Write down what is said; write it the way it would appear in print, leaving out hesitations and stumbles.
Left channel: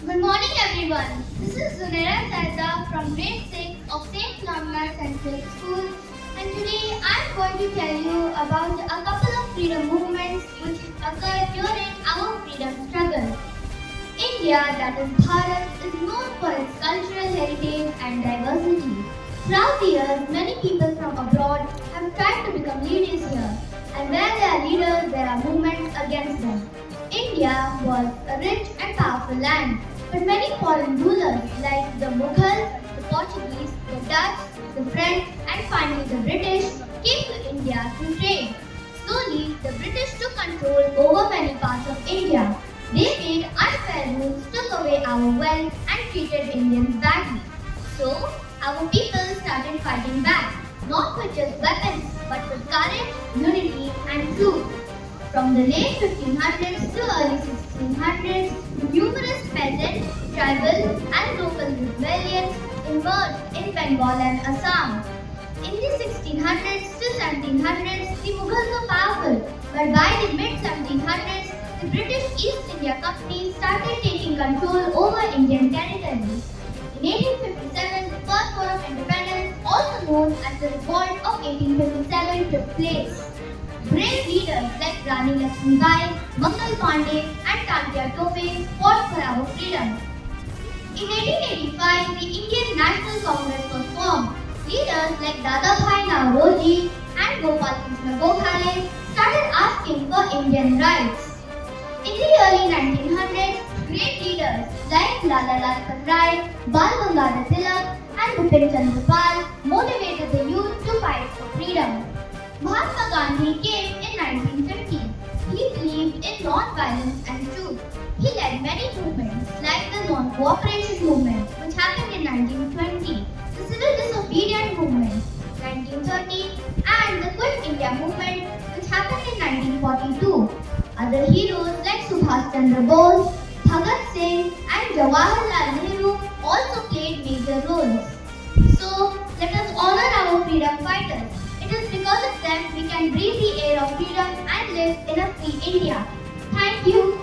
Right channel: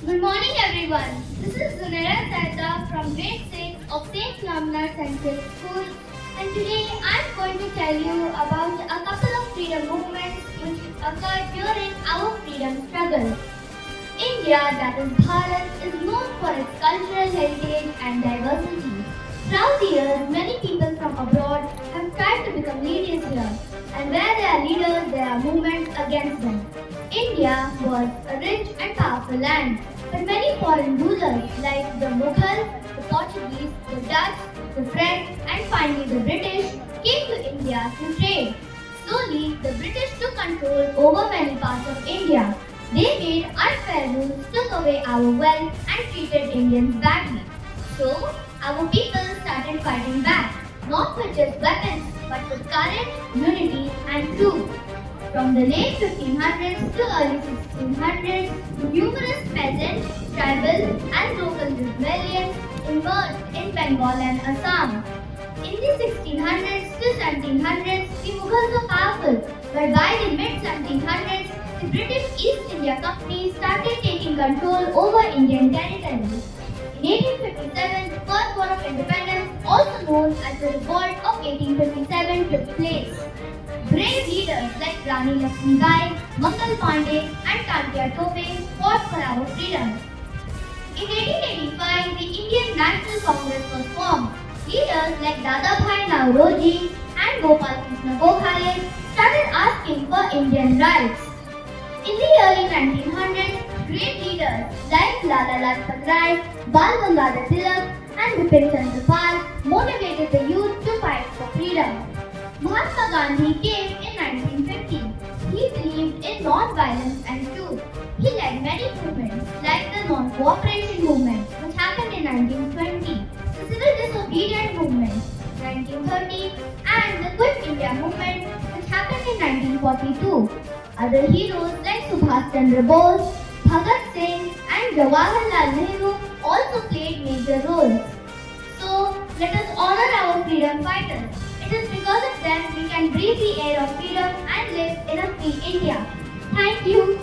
Good morning, everyone. This is Zunaira Saida from grade 6 of St. Philomena Central School, and today I'm going to tell you about a couple of freedom movements which occurred during our freedom struggle. India, that is Bharat, is known for its cultural heritage and diversity. Throughout the years, many people from abroad have tried to become leaders here, and where there are leaders, there are movements against them. India was a rich and powerful land, but many foreign rulers like the Mughals, the Portuguese, the Dutch, the French, and finally the British came to India to trade. Slowly, the British took control over many parts of India. They made unfair rules, took away our wealth, and treated Indians badly. So, our people started fighting back, not with just weapons, but with courage, unity, and truth. From the late 1500s to early 1600s, numerous peasant, tribal, and local rebellions emerged in Bengal and Assam. In the 1600s to 1700s, the Mughals were powerful, but by the mid 1700s, the British East India Company started taking control over Indian territory. In 1857, the First War of Independence, also known as the Revolt of 1857, took place. Brave leaders like Rani Lakshmibai, Mangal Pandey, and Tatia Tope fought for our freedom. In 1885, the Indian National Congress was formed. Leaders like Dadabhai Naoroji and Gopal Krishna Gokhale started asking for Indian rights. In the early 1900s, great leaders like Lala Lajpat Rai, Bal Gangadhar Tilak, and Bipin Chandra Pal motivated the youth to fight for freedom. Mahatma Gandhi came in 1950. He believed in non-violence and truth. He led many movements like the Non-Cooperation Movement, which happened in 1920, the Civil Disobedience Movement, 1930, and the Quit India Movement, which happened in 1942. Other heroes like Subhash Chandra Bose, Bhagat Singh, and Jawaharlal Nehru also played major roles. So, let us honor our freedom fighters. It is because of them we can breathe the air of freedom and live in a free India. Thank you.